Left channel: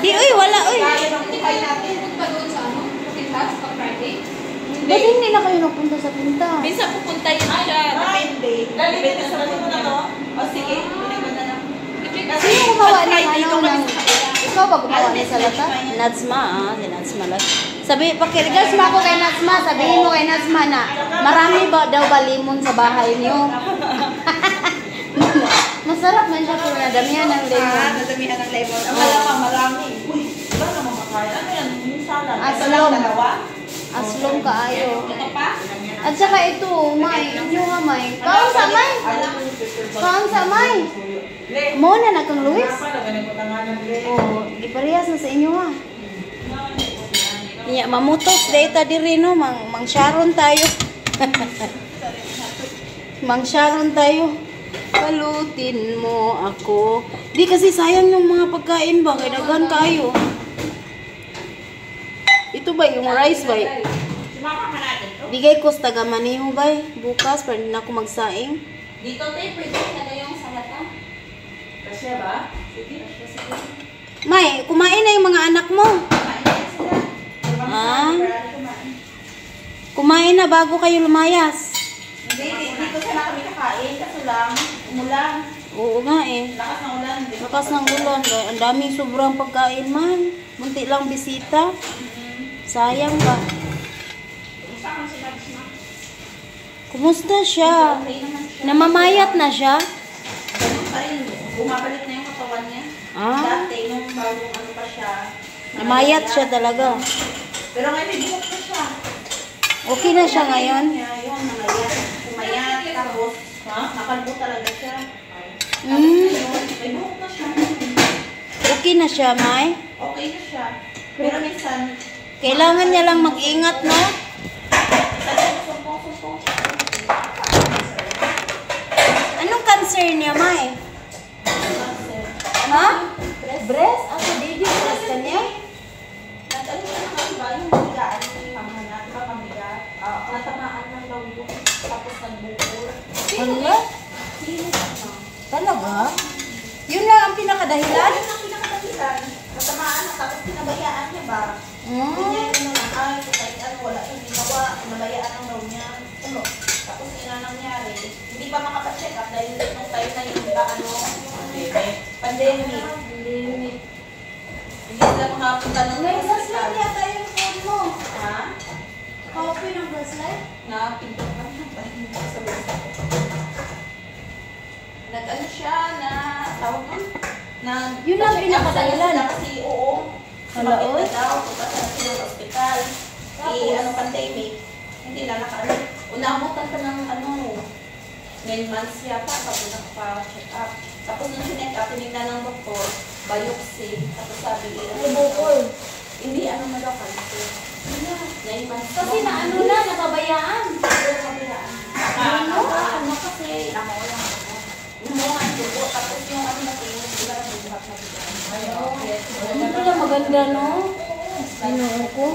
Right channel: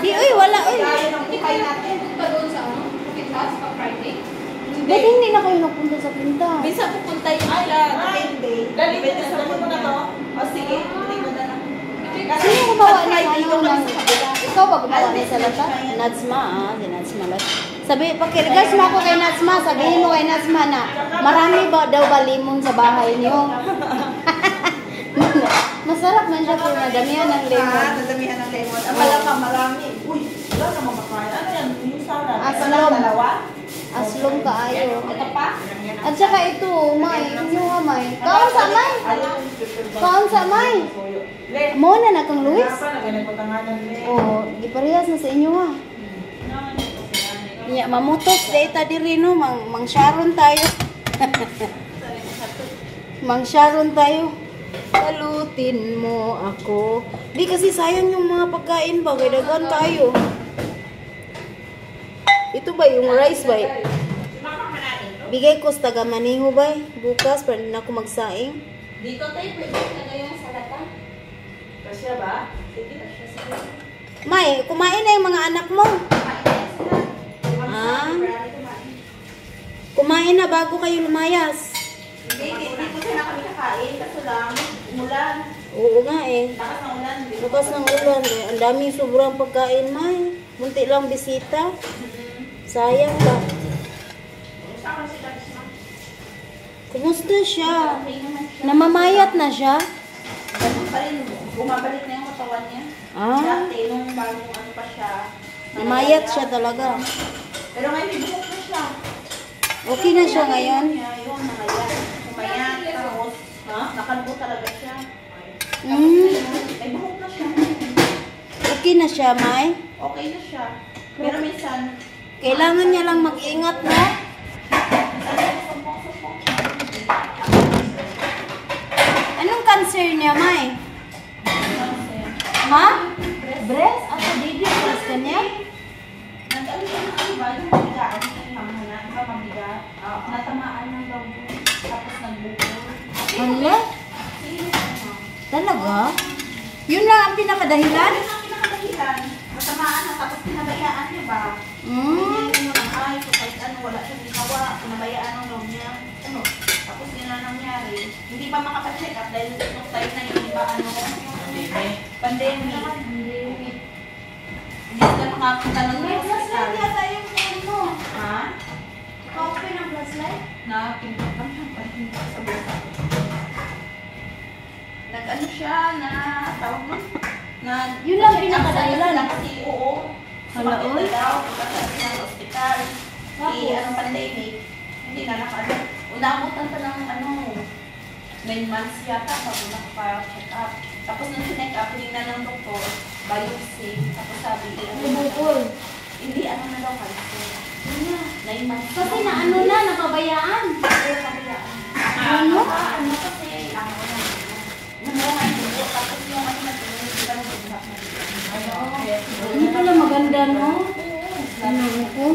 Di, uy, wala, uy. Ba't hindi na kayo napunta sa pinta? Minsan pupunta yun siya. Depende. Depende sa mo na to. O sige, hindi ko na lang. Sino gumawa ng ano ng... Ikaw ba gumawa ng salata? Natsma, si Natsma lang. Sabi, pakirigas mo ako kay Natsma, sabihin mo kay Natsma na marami ba daw ba limon sa bahay niyo? Masarap man siya kung nadamihan ng lemon. Nadamihan ng lemon. Akala pa marami. Uy, wala naman makakain. Ano yan? Minsan. Aslom. Aslom kaayo. Ito pa? At saka ito, may, inyo nga may. Kaon sa may? Kaon sa may? Mo na na kang Luis? Oh, giparehas na sa inyo ha. Ya, mamutos data diri no, mang Sharon tayo. Mang Sharon tayo. Palutin mo ako. Di kasi sayang yung mga pagkain ba, kaya dagan tayo. Ito ba yung rice ba? Bigay ko sa taga Maniho ba? Bukas para din ako magsaing. Dito tayo, pwede na yung salata. Kasya ba? Sige. May, kumain na yung mga anak mo. Ah? Kumain na bago kayo lumayas. Hindi ko sila kami nakain. Kaso lang, umulan. Oo nga eh. Lakas ng ulan. Bukas ng ulan. Ang daming sobrang pagkain man. Munti lang bisita. Sayang ba? Kumusta siya? Namamayat na siya? Ganun pa rin. Bumabalik na yung katawan niya. Ah? Dati, yung bagong ano pa siya. Namayat siya talaga. Pero ngayon, may buhok na siya. Okay na siya ngayon? Yung nangayan. Pumayat. Tapos, nakalbo talaga siya. Mm. May buhok na siya. Okay na siya, May? Okay na siya. Pero minsan, Kailangan niya lang mag-ingat, no? Anong cancer niya, May? Ha? Breast? Ako, baby, breast ka niya? nag-ano siya ng iba, yung mabigaan niya yung mamana. Diba mabigat? Natamaan ng daw yung tapos nagbukol. Hala? Talaga? Yun lang ang pinakadahilan? Ano ang pinakadahilan? Natamaan na tapos pinabayaan niya ba? Hindi niya yung nangay, kahit ano, wala siyang ginawa, pinabayaan ang daw niya. Ano? Tapos yun na nangyari. Hindi pa makapacheck up dahil nung tayo na yung iba, ano, pandemic. Hindi sila makapunta ng hospital. yata yung phone mo. Ha? Okay ng gaslight? Na-pindot lang yung sa mesa. Nag-ano siya na, tawag mo? Yun ang pinakadahilan. Kasi oo. Hala, oy. Daw, pagkatapos ng hospital. Anong pandemic. Hindi na nakano. Unamutan pa ng ano, 9 months yata bago nakapa-check up. Tapos yung sinek up, tinignan ng doktor, biopsy. Tapos sabi, Bukol. hindi ano na daw cancer. 9 months. Kasi na ano na, napabayaan. Ano? Ano kasi, ako lang. Gumunga yung buko, tapos yung ano na tingin, di ba nag-drop na dito? Ay, okay. Hindi pala maganda, no? Ano ko?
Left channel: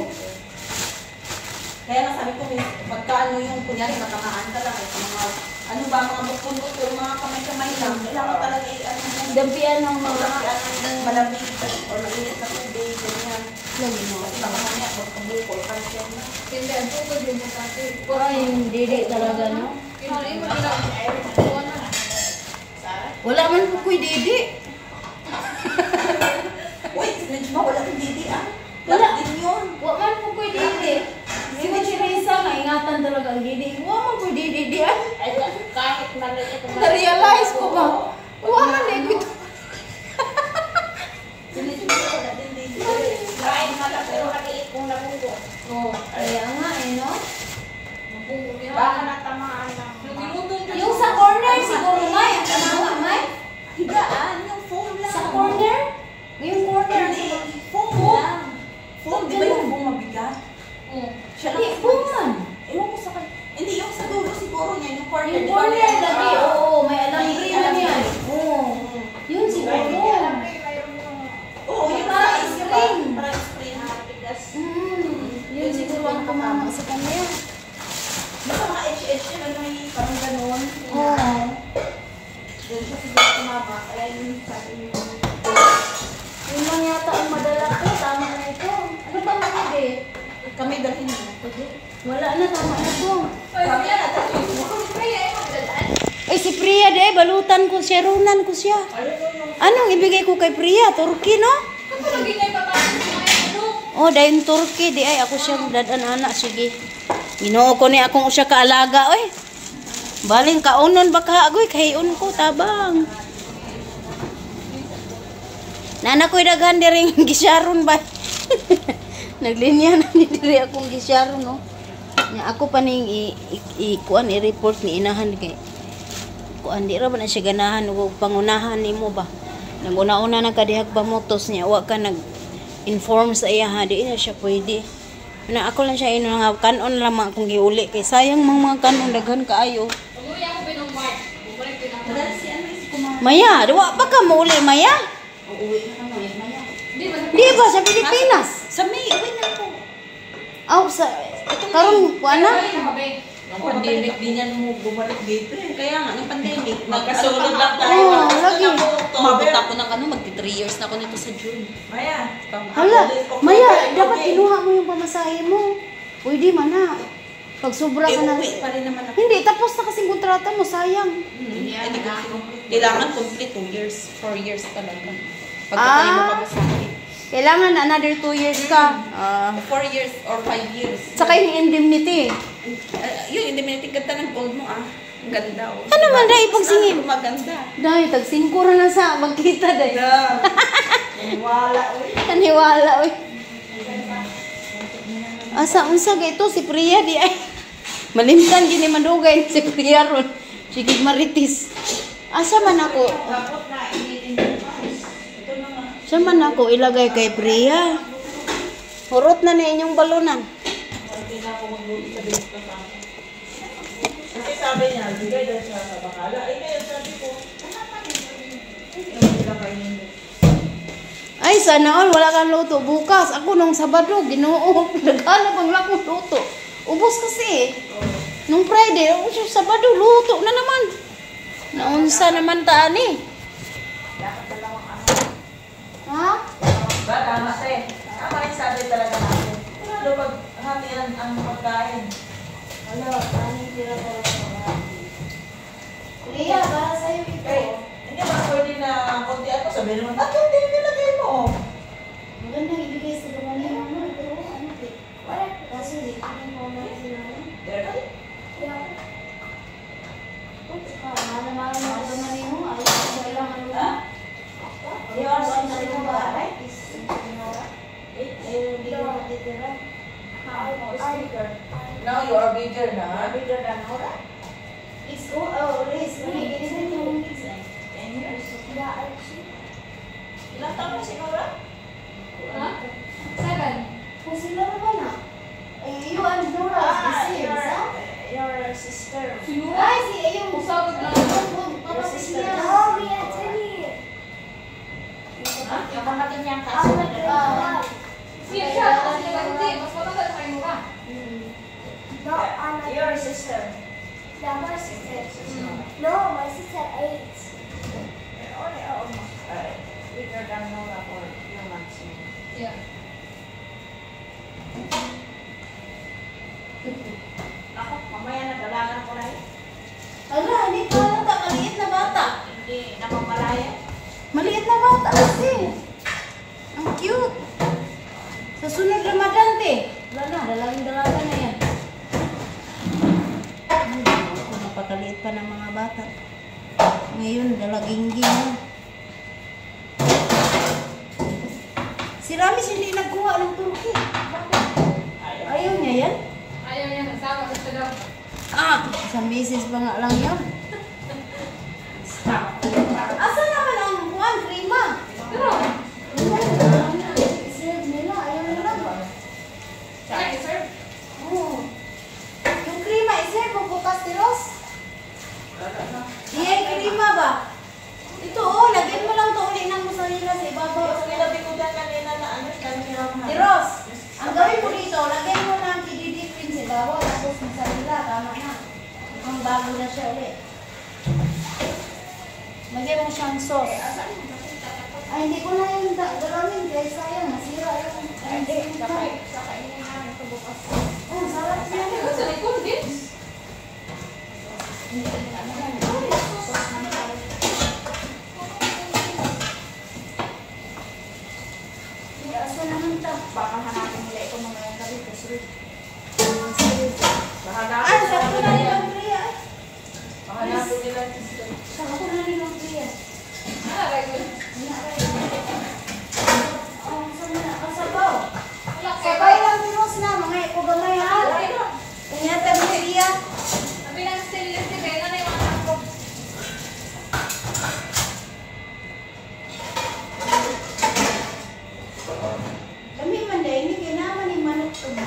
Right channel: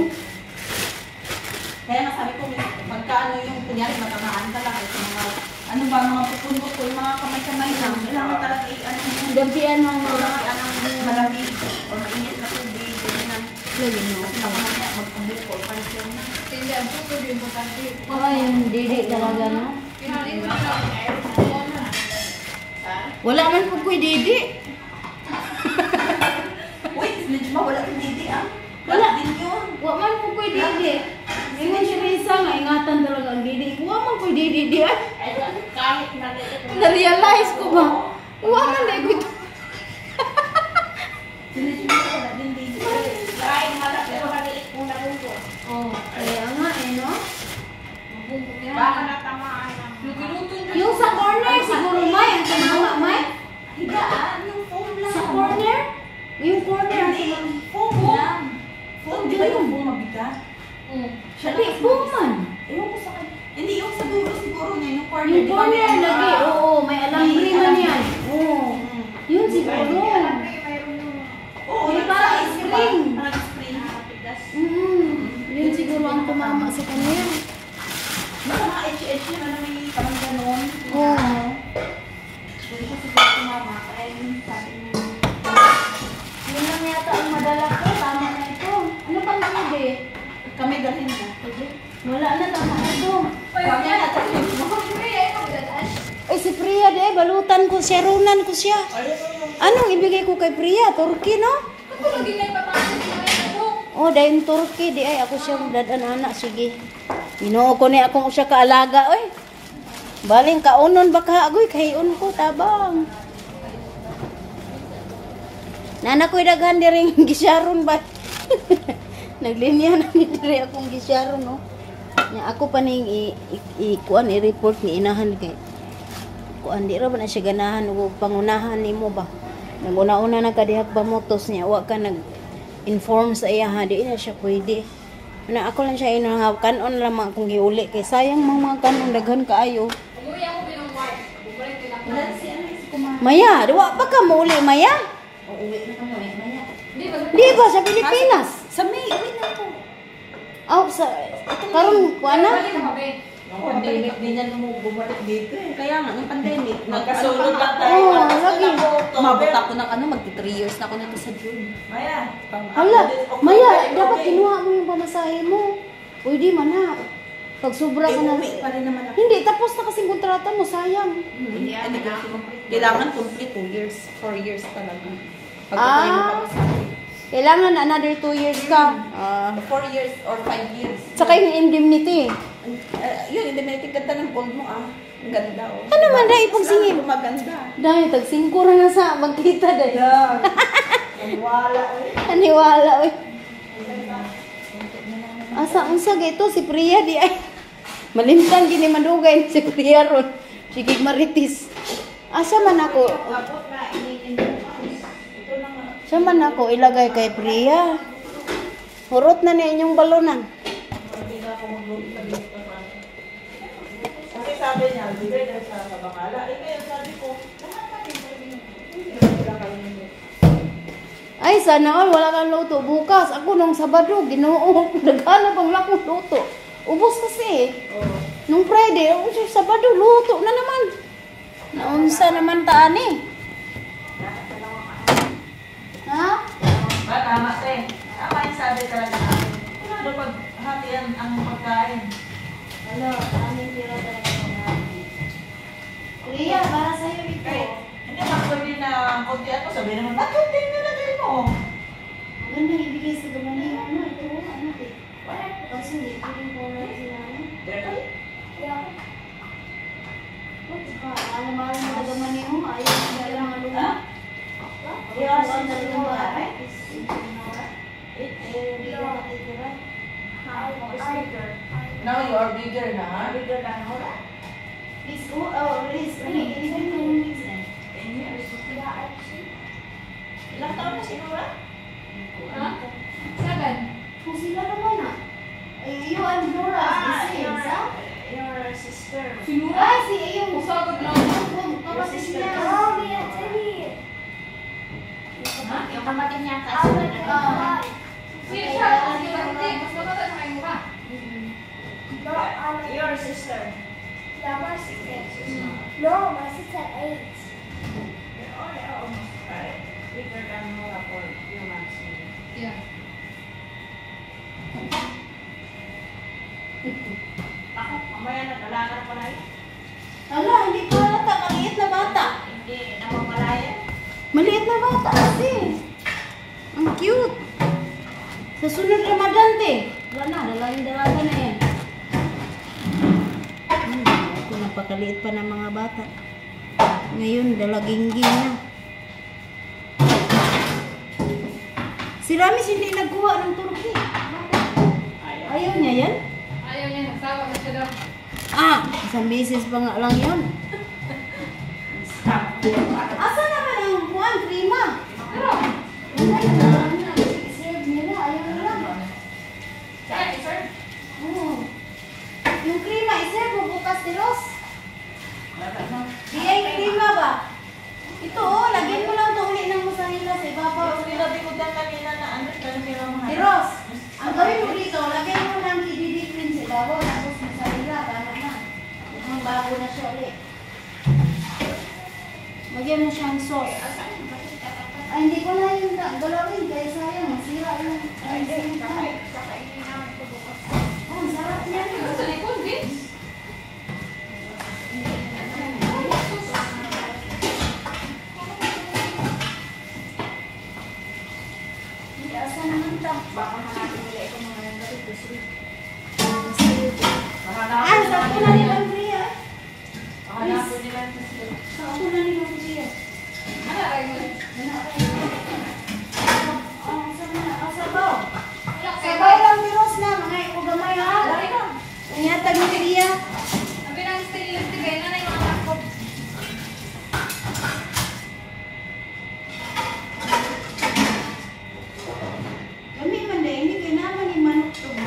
Kaya nga sabi ko, pagka ano yung kunyari, nakamaan ka lang, ito mga, ano ba, mga bukol-bukol, mga kamay-kamay lang, kailangan talaga ano yung Dampian ng mga... malamig, o mainit na tubig, ganyan. Lagi na. Kasi baka mamaya, magpabukol, cancer na. Ay, hindi talaga, no? Wala man po ko'y didi. Uy, Najma, wala yung didi ah. Wala. Din yun. Wala man po ko'y didi. Ngayon si Risa nga, ingatan talaga ang didi. Wala man ko'y didi di ay. Kahit maliit. Na-realize ko ba? Wala man na ko'y Sinijma ko na din didi. Kahit malaki, pero maliit kung nabuto. Oh, kaya nga eh, no? Baka natamaan lang. Yung sa corner, siguro may. Ang tumama, may. Higaan, yung foam lang. Sa corner? Yung corner. Hindi, foam lang. Foam, di ba yung foam mabigat? Siya Hindi, buman. Ewan ko sa kanya. Hindi, yung sa dulo siguro niya, yung corner. Yung di ba corner may lagi, ano, oo, may alambre man yan. Oo. Yun siguro. Oo, yung Parang size, di ba? spring. Parang spring. Yun siguro ang tumama sa kanya. Yung mga HH yun, ano may parang ganun. Oo. Doon siya siguro tumama. Kaya yun sabi niya. Yun lang yata ang madala Kami dalhin mo. Wala na tama Kami na tayo. Ay, si Priya de, balutan ko siya, runan ko siya. Anong ibigay ko kay Priya? Turkey, no? Oh, dahil Turkey, di ay ako siyang dadan anak, sige. Ginoo ko ni akong siya kaalaga, oy. Baling kaunon baka agoy, kahiun ko, tabang. Nana ko'y daghan diring gisyaron ba? Naglinya na ni diri akong gisyaron, no? Ako pa ning i-kuan i-report ni inahan kay kuan di ra ba na siya ganahan ug pangunahan nimo ba naguna-una nagkadihag pa motos niya wa ka nag-inform sa iya ha di na siya pwede na ako lang siya ino nga kanon lamang akong giuli kay sayang mga kanon daghan kaayo Maya diwa pa ka mo uli Maya Uuwi na kamo Maya. di ba sa Pilipinas Sa May, uwi na po. sa karon kuan na Yung pandemic, di niya mo bumalik dito eh. Kaya nga, yung pandemic, magkasulod lang tayo. Oo, lagi. Umabot ako ng magti 3 years na ako nito sa June. Maya. Hala, Maya, dapat kinuha mo yung pamasahe mo. Pwede man na. Pag sobra ka na. Uwi pa rin naman ako. Hindi, tapos na kasing kontrata mo, sayang. Kailangan complete 2 years, 4 years talaga. Pag tayo mo pamasahe. Kailangan another 2 years ka. 4 years or 5 years. Saka yung indemnity. Yung indemnity, ganda ng gold mo ah. Ang ganda oh. Ano man dahil pagsingin? Maganda. Dahil, tag-5 na sa magkita dahil. Wala oy. Naniwala, oy. Asa, unsa ito si Priya di ay. Malimtan gini madugay si Priya ron. Sige maritis. Asa man ako? Sa man ako ilagay kay Priya. Hurot na na inyong balunan. Kasi sabi niya, bigay daw siya sa bakala. Ay, kaya sabi ko, Ay, sana all, wala kang luto bukas. Ako nung Sabado, Ginoo, naghanap ang lakong luto. Ubos kasi. Nung Friday, Sabado, luto na naman. Naunsa naman taan eh. Ha? ba, tama eh. Tama yung sabi talaga natin. Ano pag hatian ang pagkain? Ano, anong tira talaga mga Priya, para sa'yo ito. Hindi ba pwede na konti ako? Sabi naman, ba't konti yung nilagay mo? Magandang ibigay sa gumanin mo. Ito, ano eh. Wala. Kaso, hindi ko yung format sila. Yeah. Saka, mahal-mahal mo ang gumanin mo. Ayos, kailangan mo na. Ayos, ang nalito ba? Now you are bigger na. Bigger than Nora? It's go, oh, Liz, really, it isn't going to be like. 10 years. Ilang taon na si Nora? Huh? 7. Kung sila naman ah. You and Nora is the same, sa? Your sister. Ay, si Ayong. Usagod na. Kapatid niya. Yung kapatid niya Sige, siya. Sige, bakit? Mas matanda na kayo ba? Your sister. Yeah, my sister. No, my sister 8. You're only almost bigger than Nora for few months. Yeah. Ako, mamaya nagalakan ko na yun. Ala, hindi pa halata. Maliit na bata. Hindi napapalaya. Maliit na bata kasi. Ang cute. Sa sunod Ramadan, te. Wala na, dalahin-dalaga na yan. Ito, napakaliit pa ng mga bata. Ngayon, dalaging-ging na. Si Ramis hindi nagkuha ng Turkey. Ayaw niya yan? Ayaw niya, nasawa na siya daw. Isang beses pa nga lang yun. Asa naman ang kuhan, krima? Pero, I-serve nila, ayaw nila. sige, sir. Oo. Yung krima, i-serve mo bukas ni Ross. Di ay krima ba? Ito lagyan mo lang ito uli ng mozzarella sa ibabaw. Sinabi ko dyan kanina na ano, Di Ross, ang gawin mo dito, lagyan mo ng kididi cream sa ibabaw, tapos mozzarella, tama na. Ang bago na siya uli. Lagyan mo siyang sauce. Ay, hindi ko na yung galawin kay Asa naman ta? Baka hanapin nila ito mga yung gabi. Ay, sakto na ni Ma'am Priya. Hanapin nila ito. Sakto na ni Ma'am Priya. Ano ba yun? Sabaw. Wala, Sabaw lang biros na, mga ikugamay ha. Wala yun. Ingatan mo Priya. Sabi ng stylist, kaya na yung anak ko. Kami man dahil hindi kinaman ni manok tubo.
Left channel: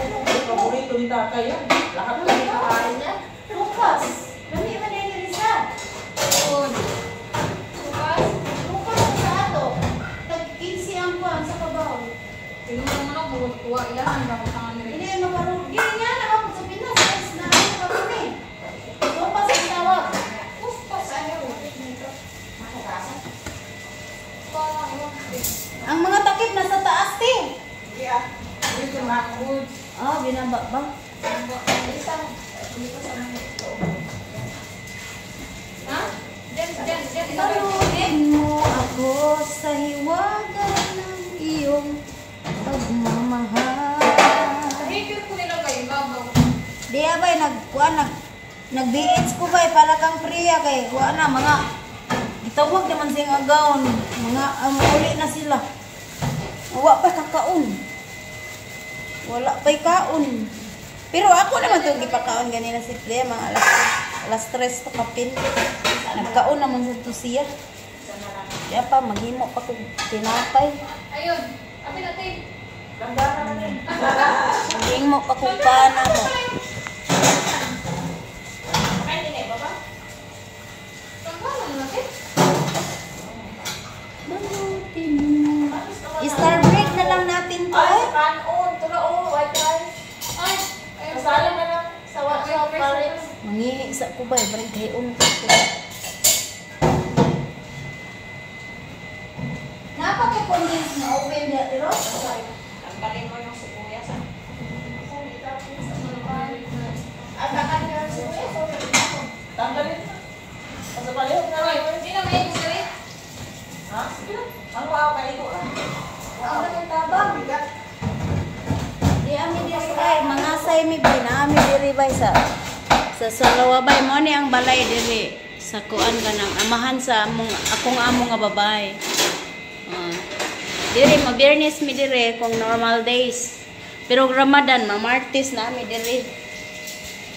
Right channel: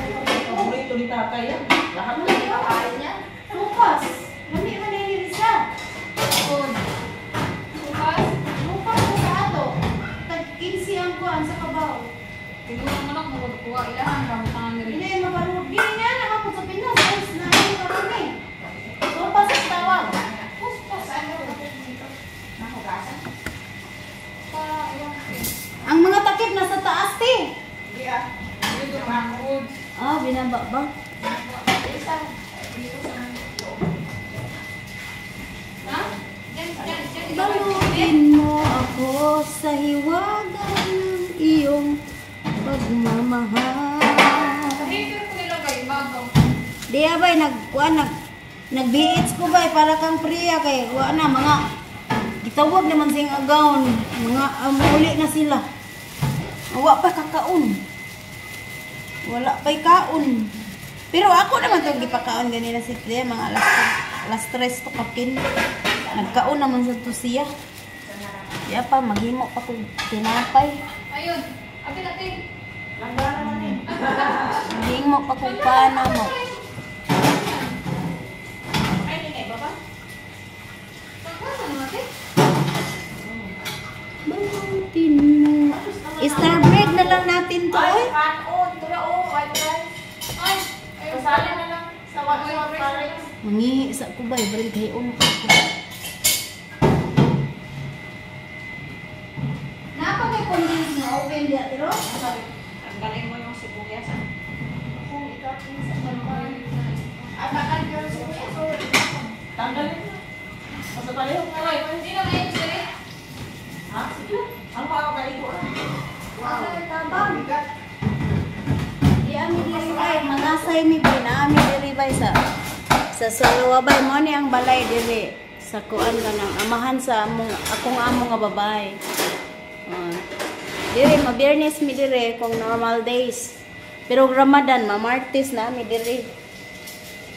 Paborito ni tatay yan. Lahat na yung kakain niya. Bukas. Kami man dahil ni Risa. Yun. Bukas, Bukas na sa ato. Tag-15 ang kuhan sa kabaw. tingin mo naman ako, kuha ilan, ang tangan nila. Hindi, maparod. Hindi nga naman po sa Pinas. Ayos na rin maparod eh. Sopa sa tawag. Ang mga takip nasa taas eh. Yeah. Dito makakod. Ah, binaba ba? Ha? Diyan, diyan, diyan. Balutin mo ako sa hiwaga ng iyong pagmamahal. Hater ko nilagay, babaw. Di abay nag-BH ko ba para kang Priya kay wa na mga gitawag naman sing agaon mga uli na sila. Wa pa kakaon. Wala pa'y kaon. Pero ako naman itong gipakaon ganina si Priya mga alas 3 to kapin. Nagkaon naman sa to siya. Kaya pa maghimo pa kong tinapay. Ayun, abi natin. Langgana na rin. Maghimo pa kong pana mo. Ay, tingin ba ba? Pagkalan natin. Balutin mo. Star bread na lang natin to Ay, eh. kanon. Ito na white rice. Ay, ayun. Kasali na lang. Sa WhatsApp pares. Mangihi sa kubay, bread kayon ko. Napaka-condense na open dia, pero? Tanggalin mo yung sibuyas. At bakal ko rin siya. Tanggalin mo. Kasi palihog na rin. Hindi na may gusto Ha? Sige. Ang makakaito ah. Ang tabang. Di ami diri bay, mangasay mi bay, na ami diri bay sa Salawabay mo ni ang balay diri sa kuan kanang amahan sa akong amo nga babay. Diri mabiyernes mi diri kung normal days. Pero Ramadan Martes na mi diri.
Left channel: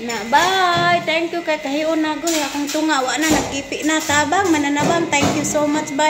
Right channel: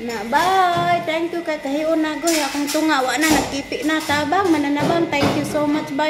Na bye. Thank you kay kahiyon na goy akong tunga wa na nagkipi na tabang mananabang. Thank you so much bye.